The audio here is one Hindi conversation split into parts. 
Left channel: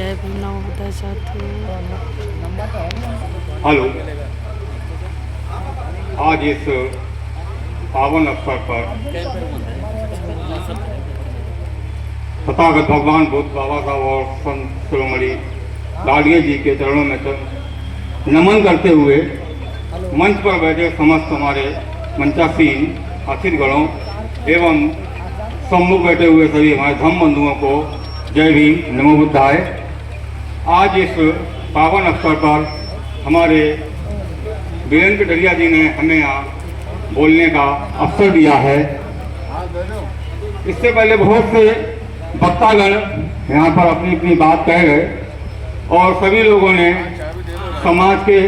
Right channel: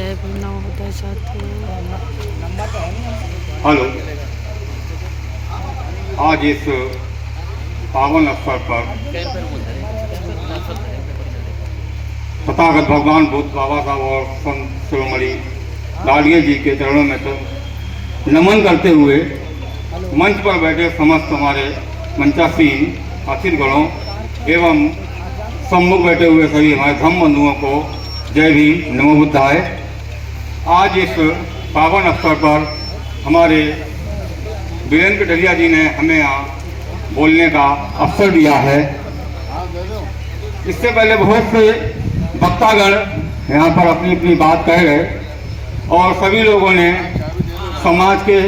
जय भीम नवोदय साथियों। हेलो, आज इस पावन अवसर पर तथागत भगवान बुद्ध बाबा का और संत शिरोमणि डालिया जी के चरणों में तो नमन करते हुए मंच पर बैठे समस्त हमारे मंचासीन अतिथिगणों एवं सम्मुख बैठे हुए सभी हमारे धर्म बंधुओं को जय भीम नमो बुद्धाय। आज इस पावन अवसर पर हमारे वीरेंद्र डलिया जी ने हमें यहाँ बोलने का अवसर दिया है। इससे पहले बहुत से वक्तागण यहाँ पर अपनी अपनी बात कह गए और सभी लोगों ने समाज के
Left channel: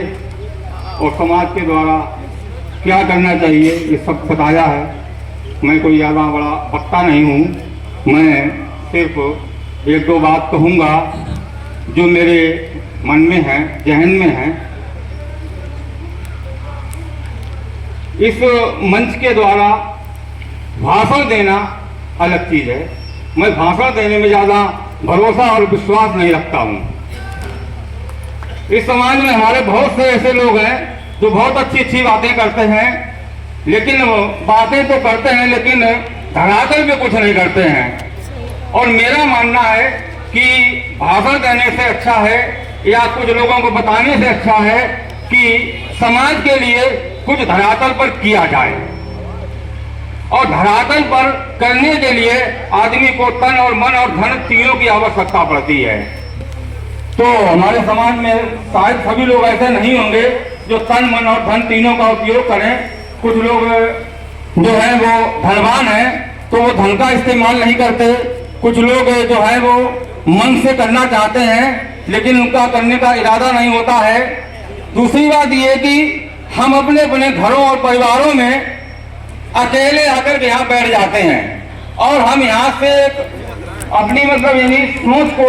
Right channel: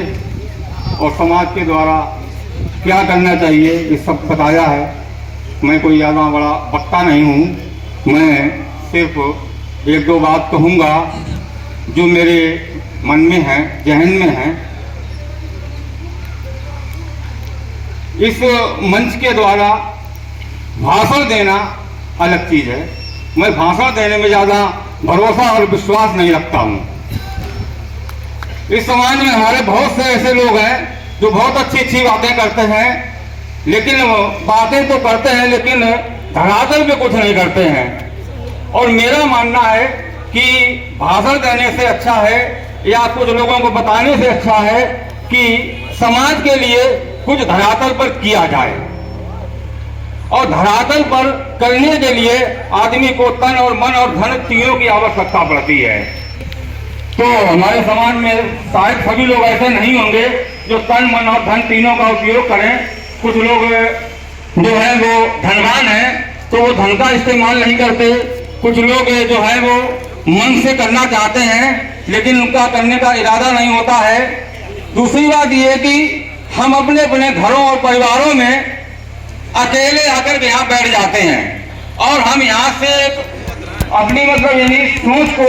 और समाज के द्वारा क्या करना चाहिए ये सब बताया है। मैं कोई ज़्यादा बड़ा वक्ता नहीं हूँ, मैं सिर्फ एक दो बात कहूँगा जो मेरे मन में है, जहन में है। इस मंच के द्वारा भाषण देना अलग चीज़ है। मैं भाषण देने में ज़्यादा भरोसा और विश्वास नहीं रखता हूँ। इस समाज में हमारे बहुत से ऐसे लोग हैं जो बहुत अच्छी अच्छी बातें करते हैं, लेकिन बातें तो करते हैं लेकिन धरातल पे कुछ नहीं करते हैं। और मेरा मानना है कि भाषण देने से अच्छा है या कुछ लोगों को बताने से अच्छा है कि समाज के लिए कुछ धरातल पर किया जाए। और धरातल पर करने के लिए आदमी को तन और मन और धन तीनों की आवश्यकता पड़ती है। तो हमारे समाज में शायद सभी लोग ऐसे नहीं होंगे जो तन मन और धन तीनों का उपयोग करें। कुछ लोग जो है वो धनवान है तो वो धन का इस्तेमाल नहीं करते। कुछ लोग जो है वो मन से करना चाहते हैं लेकिन उनका करने का इरादा नहीं होता है। दूसरी बात ये कि हम अपने अपने घरों और परिवारों में अकेले आकर के यहाँ बैठ जाते हैं और हम यहाँ से अपनी मतलब यानी सोच को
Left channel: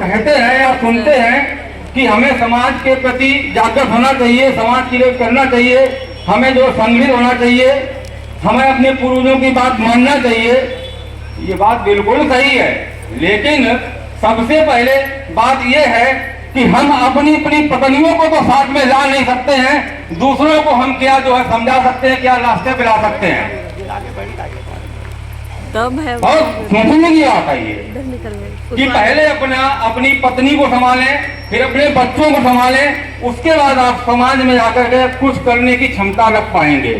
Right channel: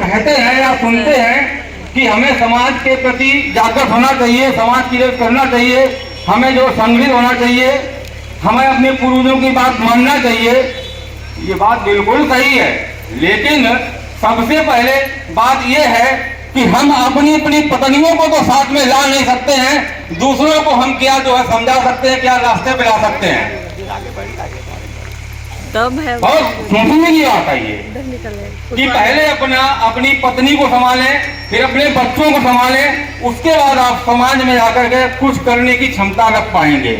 कहते हैं या सुनते हैं कि हमें समाज के प्रति जागरूक होना चाहिए, समाज के लिए करना चाहिए, हमें जो संगठित होना चाहिए, हमें अपने पूर्वजों की बात मानना चाहिए। ये बात बिल्कुल सही है, लेकिन सबसे पहले बात ये है कि हम अपनी अपनी पत्नियों को तो साथ में ला नहीं सकते हैं, दूसरों को हम क्या जो है समझा सकते हैं, क्या रास्ते पे ला सकते हैं। तब है बहुत सोचने की बात है ये कि पहले अपनी पत्नी को संभालें, फिर अपने बच्चों को संभालें, उसके बाद आप समाज में जाकर के कुछ करने की क्षमता रख पाएंगे।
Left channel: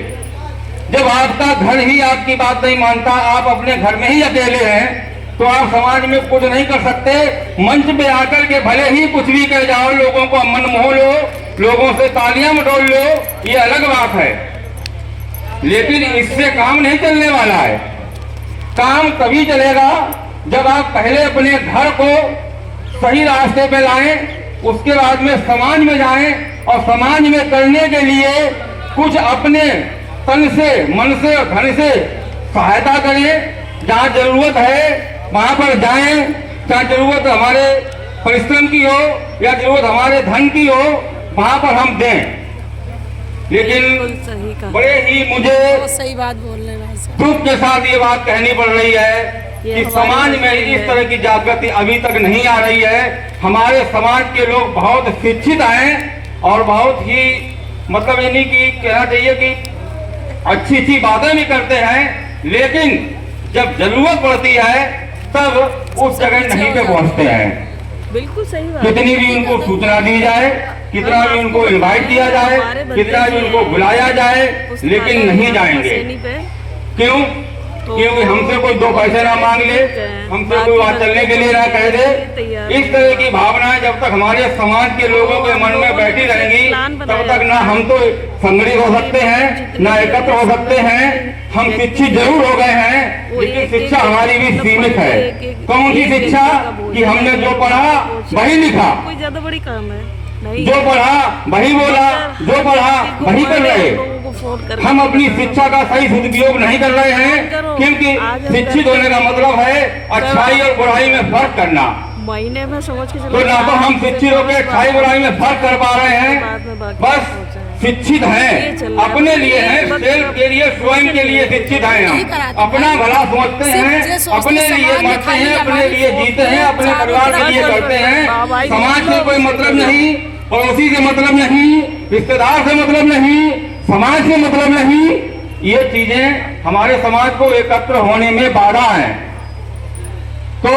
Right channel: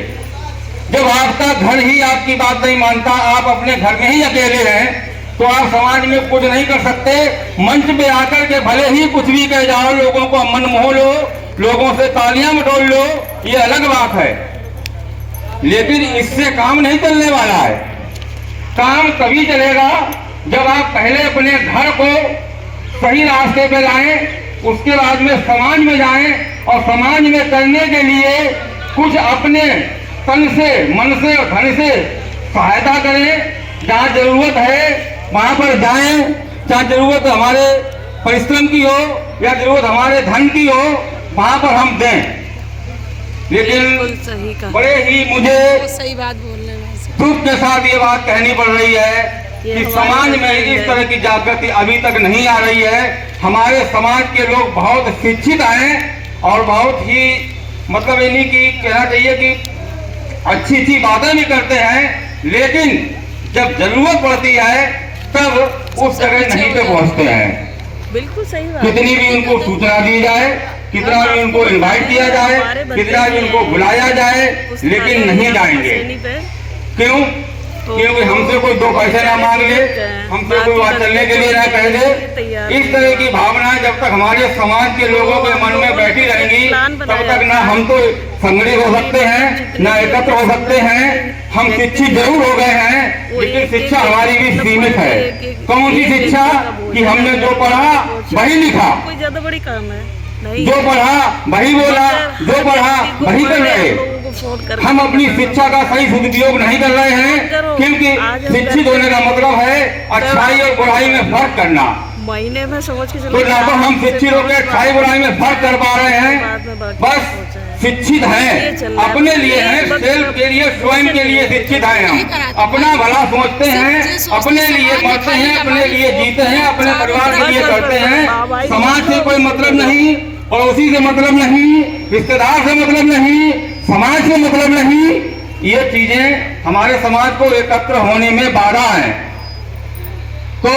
जब आपका घर ही आपकी बात नहीं मानता, आप अपने घर में ही अकेले हैं, तो आप समाज में कुछ नहीं कर सकते। मंच पे आकर के भले ही कुछ भी कह जाओ, लोगों को मन मोह लो, लोगों से तालियां बटोर लो, ये अलग बात है, लेकिन इससे काम नहीं चलने वाला है। काम तभी चलेगा जब आप पहले अपने घर को सही रास्ते पे लाएं, उसके बाद में समाज में जाएं और समाज में करने के लिए कुछ अपने तन से, मन से और धन से सहायता करें। जहाँ जरूरत है वहां पर जाएं, चाहे जरूरत हमारे परिश्रम की हो या जरूरत हमारे धन की हो, वहां पर हम दें। लेकिन बड़े ही मुझे सही बात बोल रहे हैं, दुख के साथ ये बात कहनी पड़ रही है कि समाज में इस तरह की जागृति अभी तक नहीं आ रही है। हमारे समाज के लोग बहुत शिक्षित हैं और बहुत ही मतलब यानी कि कहना चाहिए कि अच्छी अच्छी बातें भी करते हैं, लेकिन जब जरूरत पड़ती है तब उस जगह नहीं पे पहुंचते हैं। बिल्कुल सही बात। कितनी भी उनको सूचना दी जाए, कितना भी उनको इनवाइट किया जाए, कितना भी उनको बुलाया जाए, लेकिन नहीं जाएंगे। क्यों? क्योंकि हमसे कोई दो पैसे ना मांग ले, हमसे कोई बात करने के लिए ना कह दे। इस तरह की भावनाएं जब तक हमारे समाज के लोगों के मन में बैठी रहेंगी तब तक ना हम तो संगठित हो सकते हैं, ना एकत्र हो सकते हैं। हम शिक्षित जरूर हो गए हैं, लेकिन शिक्षा हमारी भी सीमित है। कौन सी शिक्षा? कि हमने जो पढ़ा वही लिखा, कोई ज्यादा बड़ी काम है जो पढ़ा वही बोला, जो पढ़ा वही कर रहे। हम अपनी शिक्षा का सही सदुपयोग नहीं कर रहे हैं, क्योंकि शिक्षित होने का मतलब है अच्छाई और बुराई में फर्क करना। महीने में समझ के चलो तो हम शिक्षित होकर अच्छाई बुराई में फर्क कर पा रहे हैं। बस शिक्षित ये हैं, चल रहा है। अपने लिए हैं, मतलब सेल्फ के लिए, स्वयं के लिए शिक्षित हैं हम, अपना भला सोचते हैं, अपने लिए मरते हैं, अपने लिए जीते हैं, अपने परिवार के लिए करते हैं। समाज से कोई मतलब नहीं, पड़ोसी से मतलब नहीं, रिश्तेदार से मतलब नहीं, समाज से मतलब नहीं। ये चीजें हमारे समाज को एकत्र होने में बाधा है। तो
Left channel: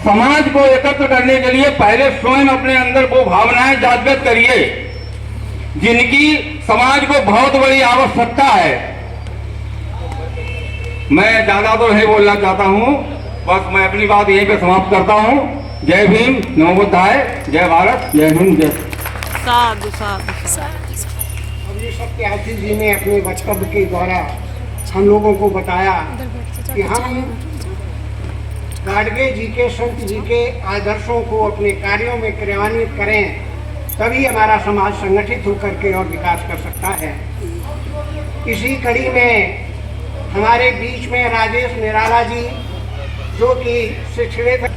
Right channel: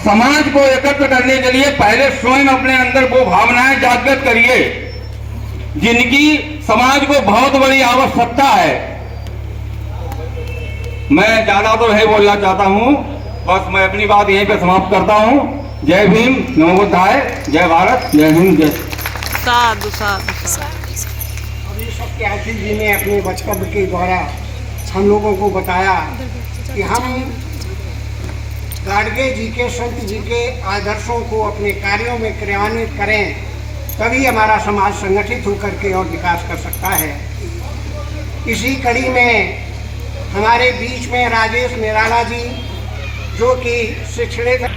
समाज को एकत्र करने के लिए पहले स्वयं अपने अंदर वो भावनाएं जागृत करिए जिनकी समाज को बहुत बड़ी आवश्यकता है। मैं ज्यादा तो नहीं बोलना चाहता हूं, बस मैं अपनी बात यहीं पे समाप्त करता हूं। जय भीम, नमो बुद्धाय, जय भारत, जय हिंद, जय। साधु साधु साधु। सत्यार्थी जी ने अपने वक्तव्य के द्वारा हम लोगों को बताया कि हम गाडगे जी के, संत जी के आदर्शों को अपने कार्यों में क्रियान्वित करें, तभी हमारा समाज संगठित होकर के और विकास कर सकता है। इसी कड़ी में हमारे बीच में राजेश निराला जी, जो कि शिक्षित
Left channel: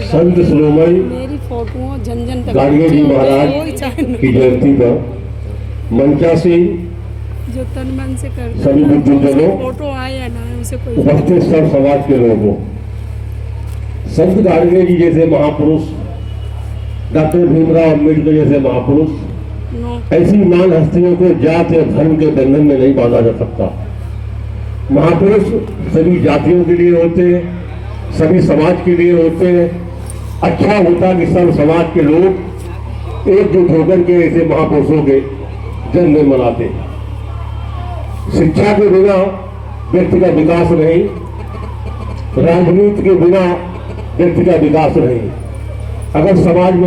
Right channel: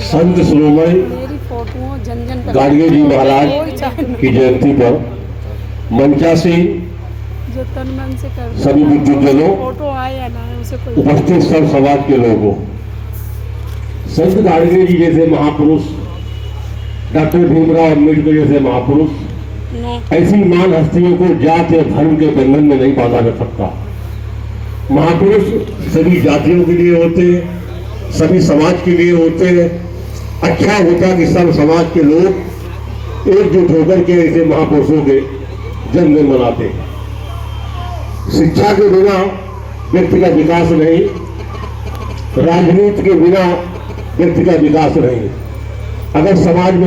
संत शिरोमणि मेरी फोटो जन जन तक गाडगे जी महाराज की जयंती पर मंचासी जो तन मन से करते सभी बुद्धिजनों, फोटो आए या ना उसे कोई उपस्थित सब समाज के लोगों, संत गाडगे जी जैसे महापुरुष, डॉक्टर भीमराव अम्बेडकर जैसे महापुरुष, नो ऐसी महान हस्तियों को जाति और धर्म के बंधन में नहीं बांधा जा सकता। महापुरुष सभी जातियों के लिए होते हैं, सभी समाज के लिए होते हैं। अच्छा होता कि सब समाज के लोग एकजुट होकर के ऐसे महापुरुषों के जन्म मनाते। शिक्षा के बिना व्यक्ति का विकास नहीं, राजनीति के बिना व्यक्ति का विकास नहीं। अगर समाज में